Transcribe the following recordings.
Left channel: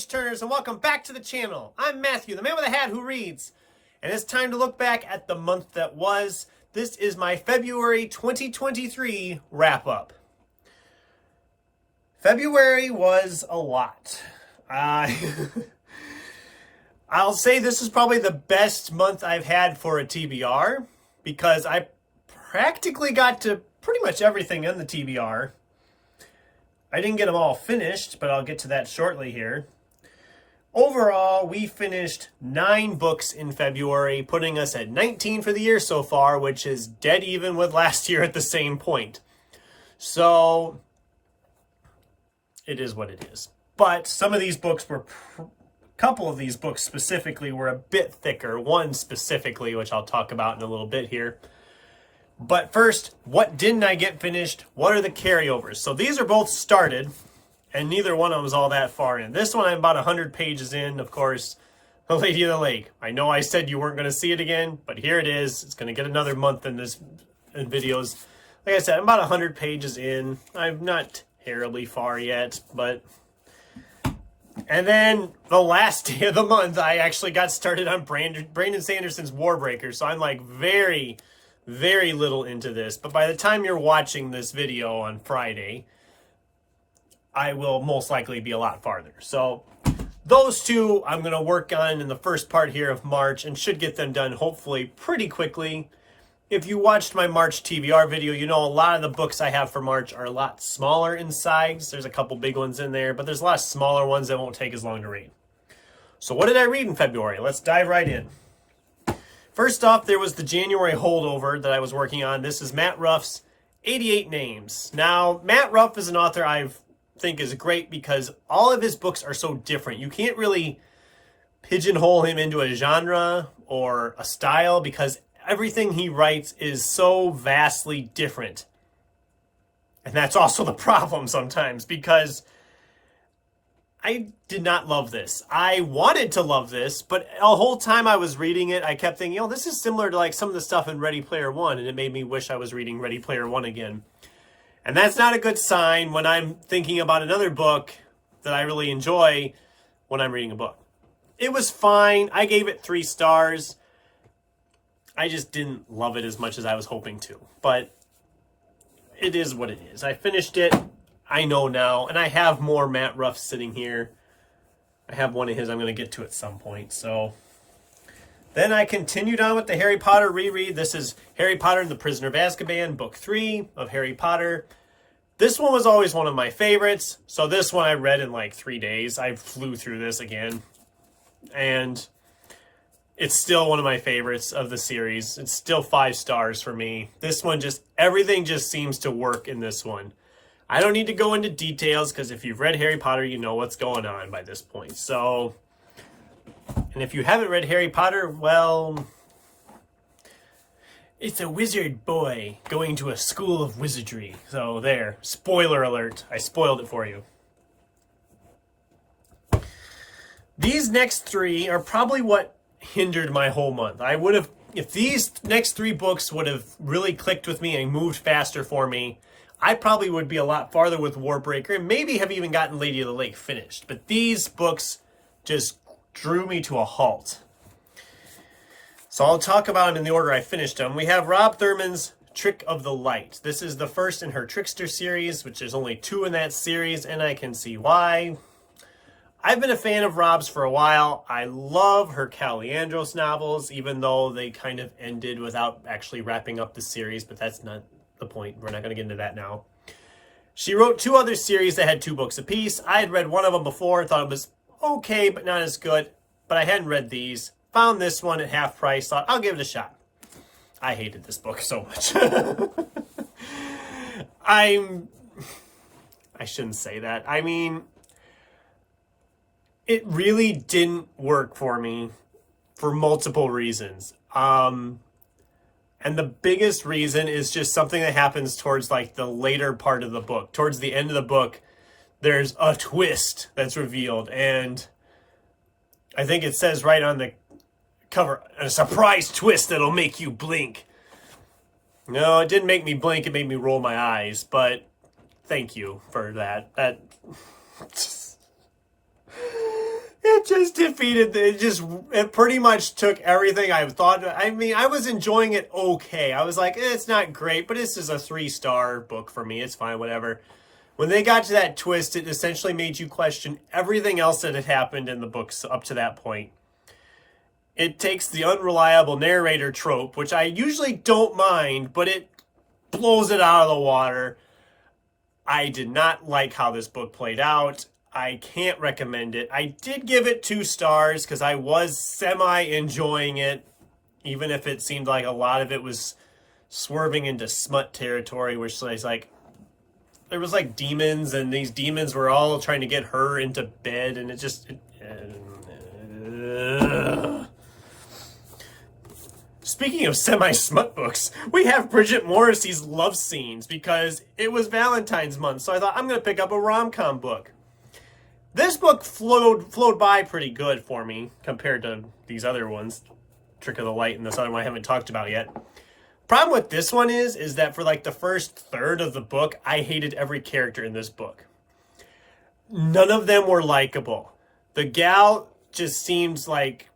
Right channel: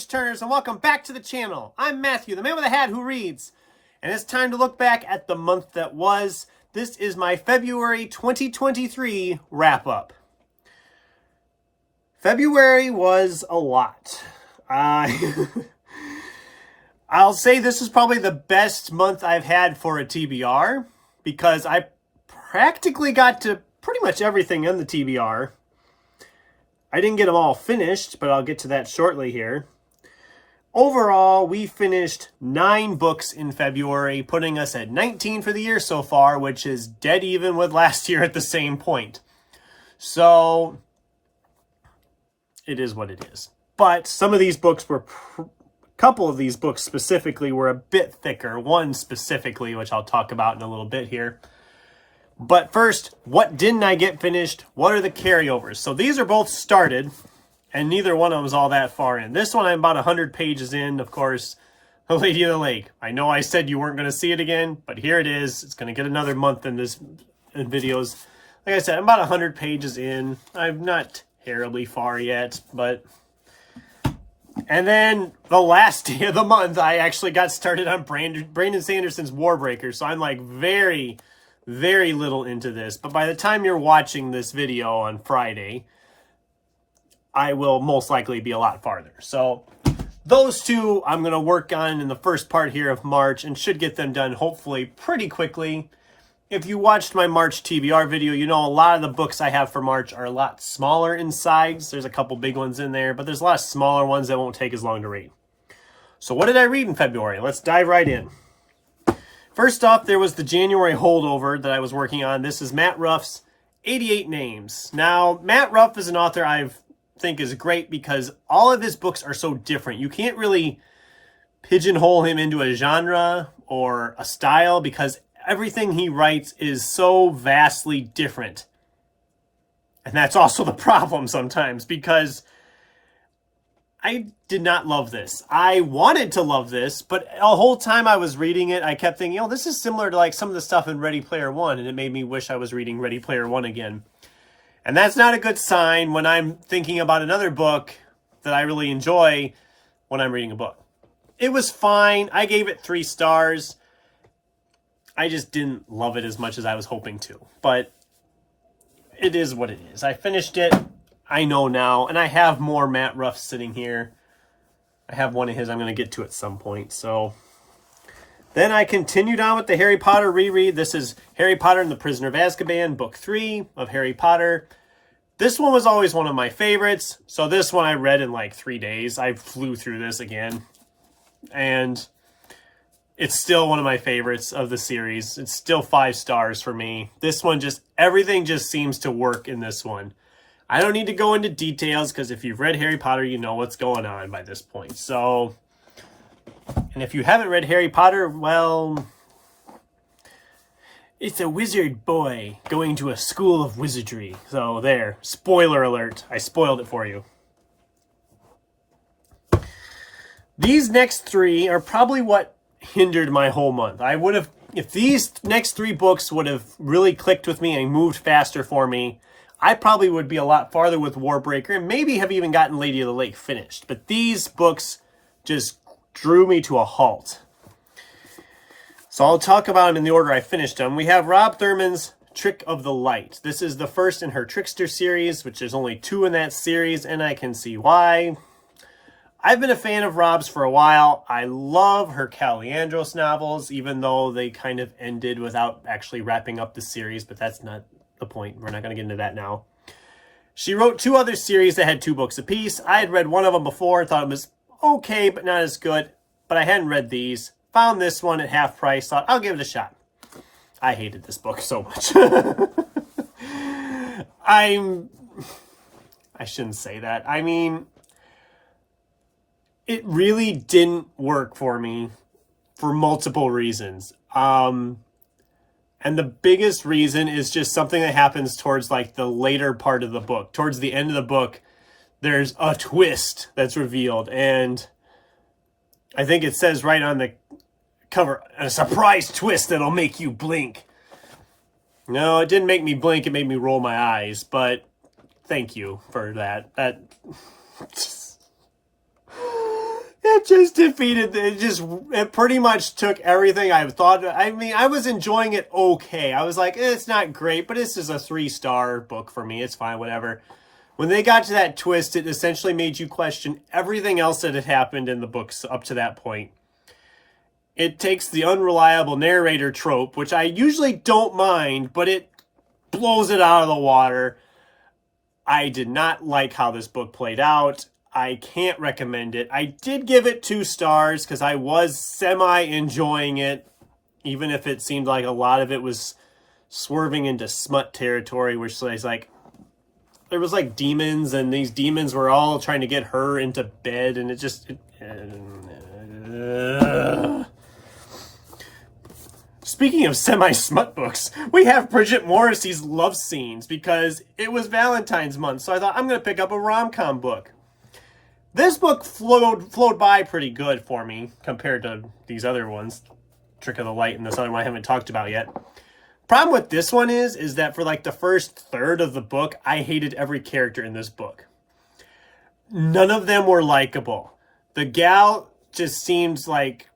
page-turners, and welcome back to the channel. I'm Matthew, the man with a hat who reads, and it's time to look back at the month that was. This is my February 2023 wrap-up. February was a lot. I'll say this is probably the best month I've had for a TBR, because I practically got to pretty much everything in the TBR. I didn't get them all finished, but I'll get to that shortly here. Overall, we finished 9 books in February, putting us at 19 for the year so far, which is dead even with last year at the same point. So, it is what it is. But some of these books were, a couple of these books specifically were a bit thicker. One specifically, which I'll talk about in a little bit here. But first, what didn't I get finished? What are the carryovers? So these are both started, and neither one of them is all that far in. This one I'm about 100 pages in, of course, The Lady of the Lake. I know I said you weren't going to see it again, but here it is. It's going to get another month in videos. Like I said, I'm about 100 pages in. I'm not terribly far yet, but... And then the last day of the month, I actually got started on Brandon Sanderson's Warbreaker, so I'm like very little into this, but by the time you're watching this video on Friday, I will most likely be a lot farther. So those two I'm going to work on in the first part here of March and should get them done hopefully pretty quickly. If you watched my March TBR video, you know a lot of the books I have for March are a lot smaller in size. There's a couple big ones in there, but there's a lot of smaller ones that won't take as long to read. So what did I read in February? Let's dive right in. First off, there was the January holdover that I was working on. This is Matt Ruff's 88 Names. Now, Matt Ruff is an author I think is great because all of his books are so different. You can't really pigeonhole him into a genre or a style because everything he writes is so vastly different. And that's also the problem sometimes because I did not love this. I wanted to love this, but the whole time I was reading it, I kept thinking, oh, this is similar to like some of the stuff in Ready Player One, and it made me wish I was reading Ready Player One again. And that's not a good sign when I'm thinking about another book that I really enjoy when I'm reading a book. It was fine. I gave it 3 stars. I just didn't love it as much as I was hoping to, but it is what it is. I finished it. I know now, and I have more Matt Ruff sitting here. I have one of his I'm going to get to at some point. So then I continued on with the Harry Potter reread. This is Harry Potter and the Prisoner of Azkaban, book 3 of Harry Potter. This one was always one of my favorites. So this one I read in like 3 days. I flew through this again. And it's still one of my favorites of the series. It's still 5 stars for me. This one everything just seems to work in this one. I don't need to go into details because if you've read Harry Potter, you know what's going on by this point. So, and if you haven't read Harry Potter, well, it's a wizard boy going to a school of wizardry. So there, spoiler alert. I spoiled it for you. These next 3 are probably what hindered my whole month. I would have, if these next 3 books would have really clicked with me and moved faster for me, I probably would be a lot farther with Warbreaker and maybe have even gotten Lady of the Lake finished. But these books just drew me to a halt. So I'll talk about them in the order I finished them. We have Rob Thurman's Trick of the Light. This is the first in her Trickster series, which there's only 2 in that series, and I can see why. I've been a fan of Rob's for a while. I love her Cal Leandros novels, even though they kind of ended without actually wrapping up the series, but that's not the point. We're not going to get into that now. She wrote 2 other series that had 2 books apiece. I had read one of them before and thought it was okay, but not as good. But I hadn't read these. Found this one at half price. Thought, I'll give it a shot. I hated this book so much. I shouldn't say that. I mean, it really didn't work for me for multiple reasons. And the biggest reason is just something that happens towards like the later part of the book. Towards the end of the book, there's a twist that's revealed. And I think it says right on the cover, a surprise twist that'll make you blink. No, it didn't make me blink. It made me roll my eyes. But thank you for that. It just defeated, it pretty much took everything I thought. I mean, I was enjoying it okay. I was like, it's not great, but this is a 3-star book for me. It's fine, whatever. When they got to that twist, it essentially made you question everything else that had happened in the books up to that point. It takes the unreliable narrator trope, which I usually don't mind, but it blows it out of the water. I did not like how this book played out. I can't recommend it. I did give it 2 stars because I was semi-enjoying it, even if it seemed like a lot of it was swerving into smut territory, which is like, there was like demons, and these demons were all trying to get her into bed, and it just... Speaking of semi-smut books, we have Bridget Morrissey's love scenes because it was Valentine's month, so I thought I'm going to pick up a rom-com book. This book flowed by pretty good for me compared to these other ones. Trick of the Light and this other one I haven't talked about yet. Problem with this one is that for like the first third of the book, I hated every character in this book. None of them were likable. The gal just seemed like...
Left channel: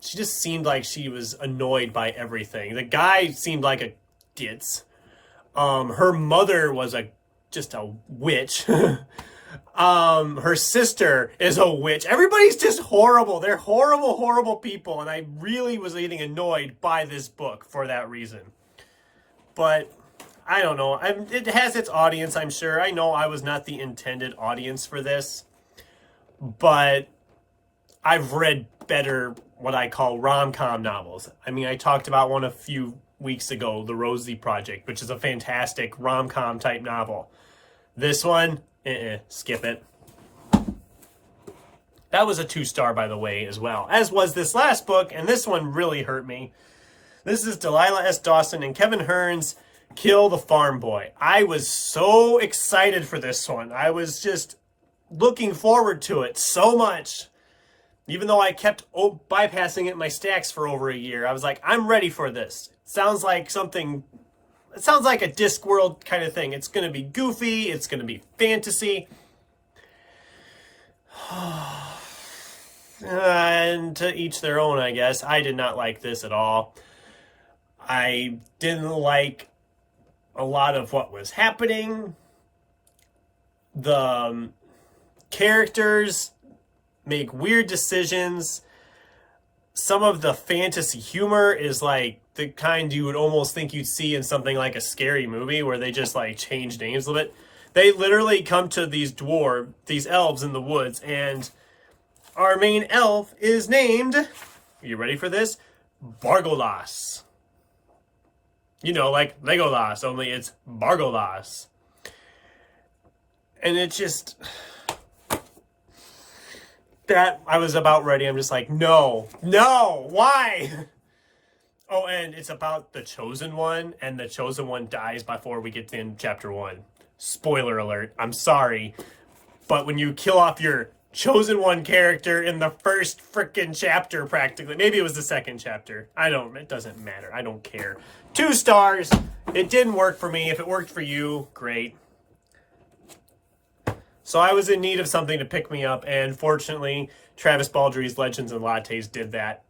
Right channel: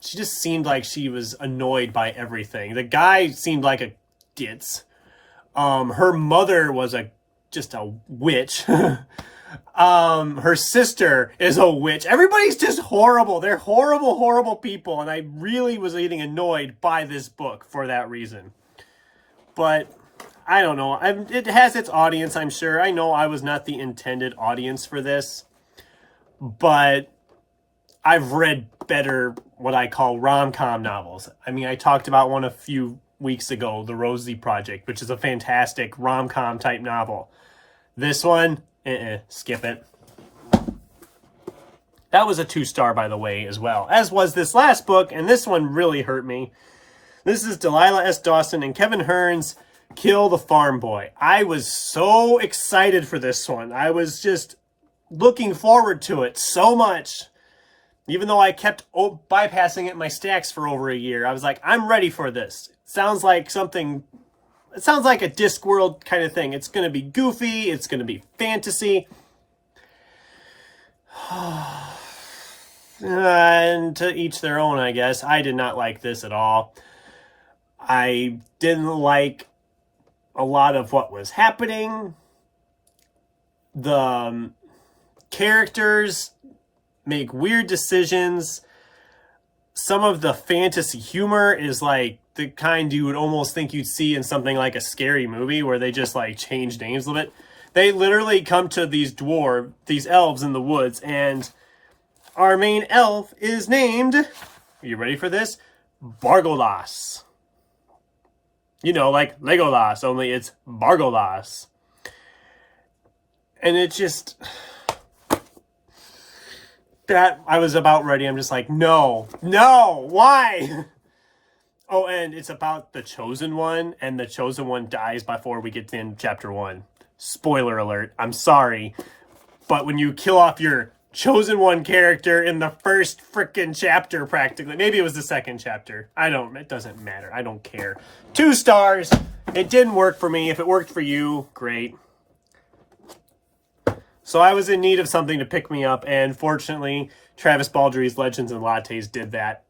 She just seemed like she was annoyed by everything. The guy seemed like a ditz. Her mother was just a witch. Her sister is a witch. Everybody's just horrible. They're horrible, horrible people. And I really was getting annoyed by this book for that reason. But I don't know. It has its audience, I'm sure. I know I was not the intended audience for this. But I've read better, what I call rom-com novels. I mean, I talked about one a few weeks ago, The Rosie Project, which is a fantastic rom-com type novel. This one, skip it. That was a 2-star, by the way, as well, as was this last book, and this one really hurt me. This is Delilah S. Dawson and Kevin Hearn's Kill the Farm Boy. I was so excited for this one. I was just looking forward to it so much. Even though I kept bypassing it in my stacks for over a year, I was like, I'm ready for this. It sounds like something... It sounds like a Discworld kind of thing. It's going to be goofy. It's going to be fantasy. And to each their own, I guess. I did not like this at all. I didn't like a lot of what was happening. The characters make weird decisions. Some of the fantasy humor is like the kind you would almost think you'd see in something like a scary movie where they just like change names a little bit. They literally come to these elves in the woods, and our main elf is named, are you ready for this? Bargolas. You know, like Legolas, only it's Bargolas. And it just... That, I was about ready. I'm just like, no, why? Oh, and it's about the Chosen One, and the Chosen One dies before we get to chapter 1. Spoiler alert, I'm sorry. But when you kill off your Chosen One character in the first freaking chapter, practically, maybe it was the second chapter. It doesn't matter. I don't care. 2 stars. It didn't work for me. If it worked for you, great. So I was in need of something to pick me up, and fortunately, Travis Baldry's Legends and Lattes did that.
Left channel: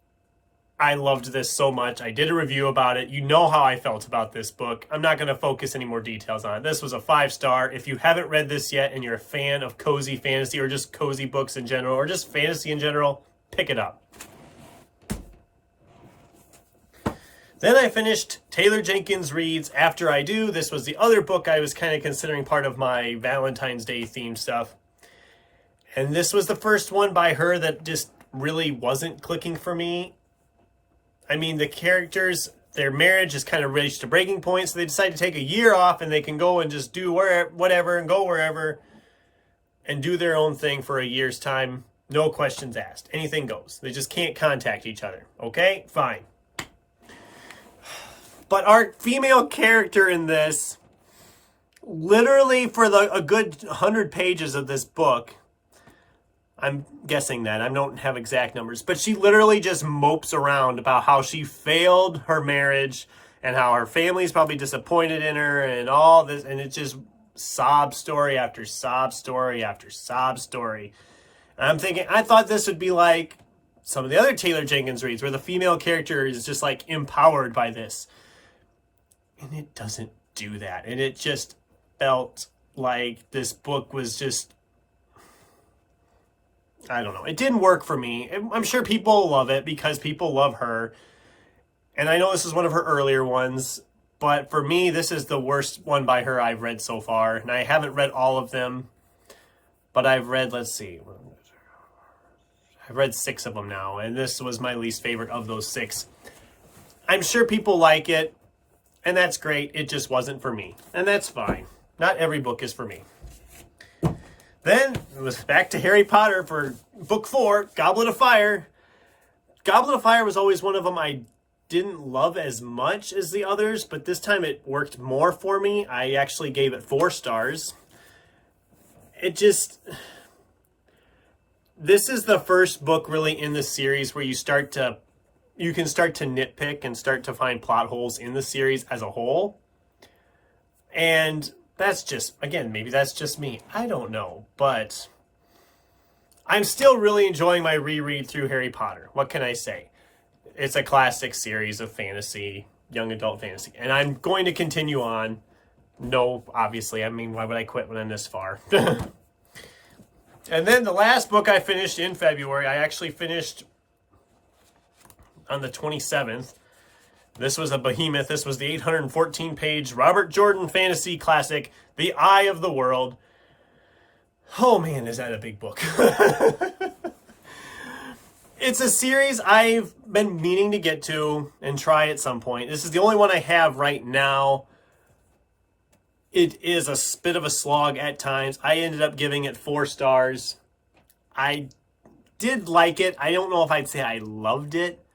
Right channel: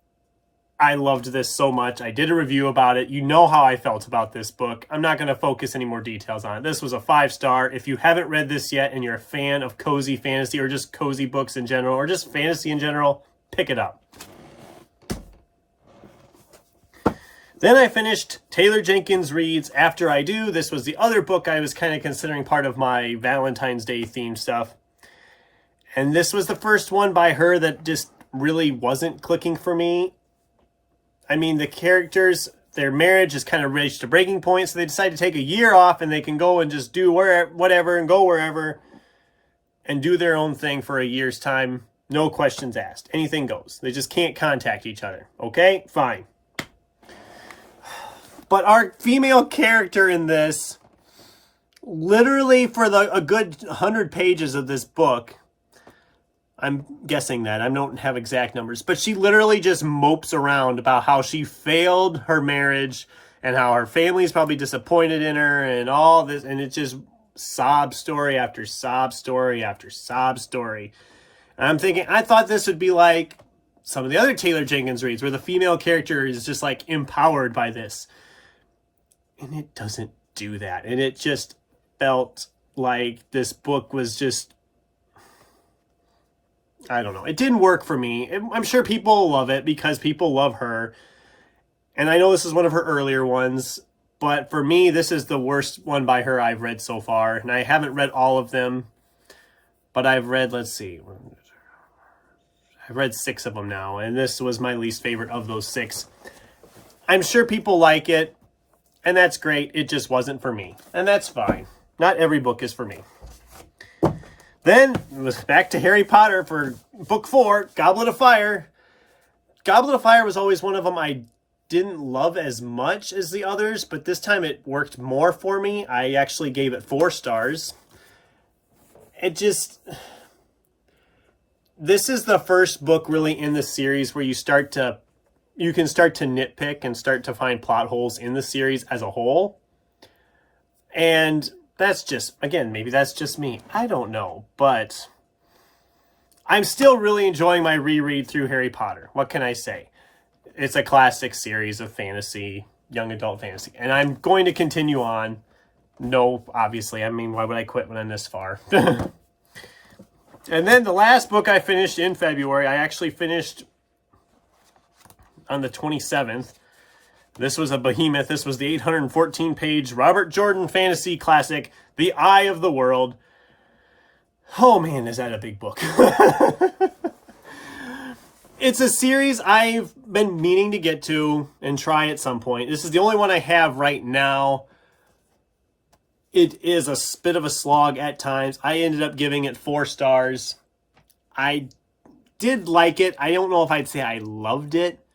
I loved this so much. I did a review about it. You know how I felt about this book. I'm not going to focus any more details on it. This was a 5-star. If you haven't read this yet and you're a fan of cozy fantasy or just cozy books in general or just fantasy in general, pick it up. Then I finished Taylor Jenkins Reid's After I Do. This was the other book I was kind of considering part of my Valentine's Day themed stuff. And this was the first one by her that just really wasn't clicking for me. I mean, the characters, their marriage has kind of reached a breaking point, so they decide to take a year off and they can go and just do whatever and go wherever and do their own thing for a year's time. No questions asked. Anything goes. They just can't contact each other. Okay? Fine. But our female character in this, literally for a good 100 pages of this book, I'm guessing that, I don't have exact numbers, but she literally just mopes around about how she failed her marriage and how her family's probably disappointed in her and all this, and it's just sob story after sob story after sob story. And I'm thinking, I thought this would be like some of the other Taylor Jenkins reads where the female character is just like empowered by this. And it doesn't do that. And it just felt like this book was just, I don't know. It didn't work for me. I'm sure people love it because people love her. And I know this is one of her earlier ones, but for me, this is the worst one by her I've read so far. And I haven't read all of them, but I've read, let's see, I've read 6 of them now, and this was my least favorite of those 6. I'm sure people like it, and that's great. It just wasn't for me, and that's fine. Not every book is for me. Then it was back to Harry Potter for book 4, Goblet of Fire. Goblet of Fire was always one of them I didn't love as much as the others, but this time it worked more for me. I actually gave it 4 stars. It just... This is the first book really in the series where you can start to nitpick and start to find plot holes in the series as a whole. And that's just, again, maybe that's just me. I don't know, but I'm still really enjoying my reread through Harry Potter. What can I say? It's a classic series of fantasy, young adult fantasy, and I'm going to continue on. No, obviously, I mean, why would I quit when I'm this far? And then the last book I finished in February, I actually finished on the 27th. This was a behemoth. This was the 814-page Robert Jordan fantasy classic, The Eye of the World. Oh man, is that a big book. It's a series I've been meaning to get to and try at some point. This is the only one I have right now. It is a bit of a slog at times. I ended up giving it 4 stars. I did like it. I don't know if I'd say I loved it,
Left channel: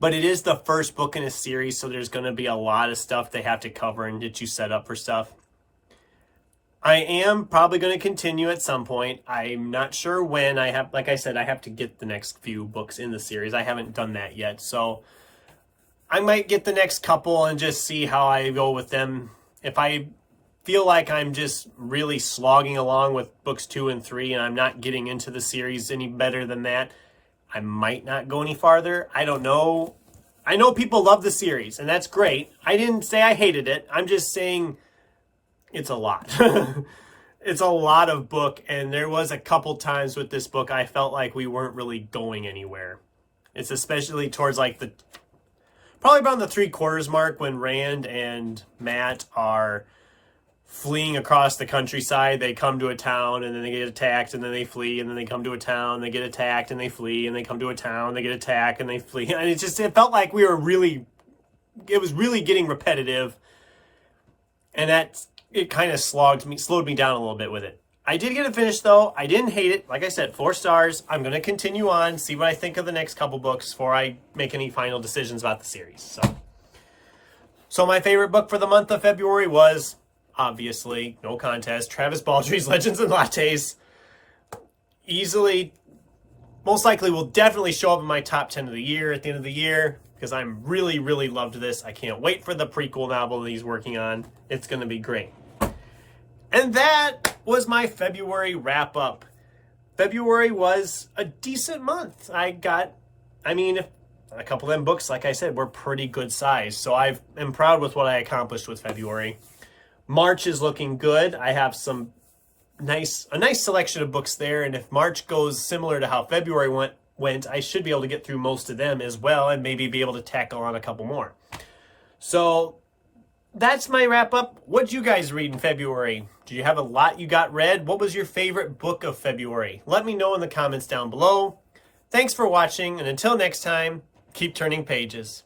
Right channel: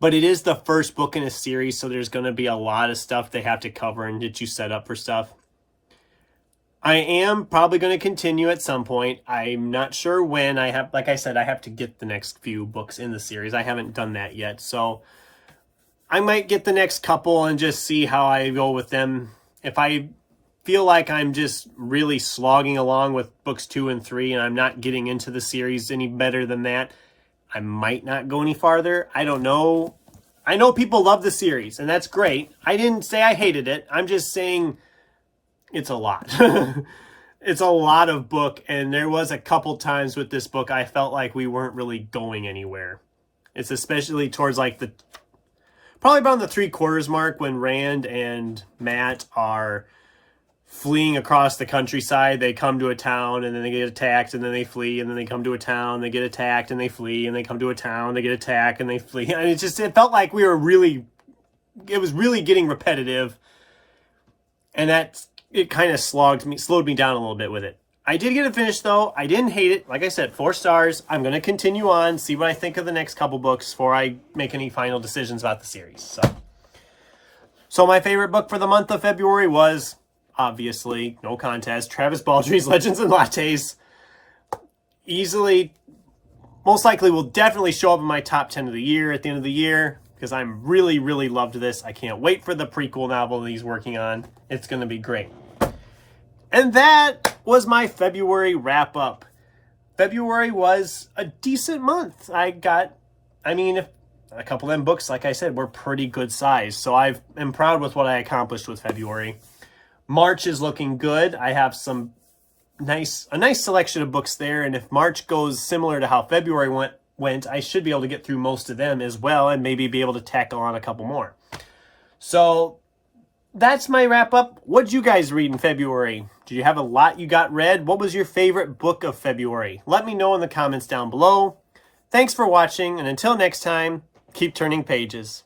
but it is the first book in a series, so there's going to be a lot of stuff they have to cover and get you set up for stuff. I am probably going to continue at some point. I'm not sure when. Like I said, I have to get the next few books in the series. I haven't done that yet, so I might get the next couple and just see how I go with them. If I feel like I'm just really slogging along with books 2 and 3 and I'm not getting into the series any better than that, I might not go any farther. I don't know. I know people love the series, and that's great. I didn't say I hated it. I'm just saying it's a lot. It's a lot of book, and there was a couple times with this book I felt like we weren't really going anywhere. It's especially towards like probably around the 3/4 mark when Rand and Matt are fleeing across the countryside. They come to a town and then they get attacked and then they flee, and then they come to a town, they get attacked and they flee, and they come to a town, they get attacked and they flee. And it felt like it was really getting repetitive, and it kind of slowed me down a little bit with it. I did get it finished though. I didn't hate it. Like I said, 4 stars. I'm going to continue on, see what I think of the next couple books before I make any final decisions about the series. So my favorite book for the month of February was, obviously, no contest, Travis Baldry's Legends and Lattes. Easily, most likely will definitely show up in my top 10 of the year at the end of the year, because I'm really, really loved this. I can't wait for the prequel novel that he's working on. It's going to be great. And that was my February wrap-up. February was a decent month. A couple of them books, like I said, were pretty good size. So I'm proud with what I accomplished with February. March is looking good. I have a nice selection of books there, and if March goes similar to how February went, I should be able to get through most of them as well, and maybe be able to tackle on a couple more. So that's my wrap up. What'd you guys read in February? Did you have a lot you got read? What was your favorite book of February? Let me know in the comments down below. Thanks for watching, and until next time, keep turning pages.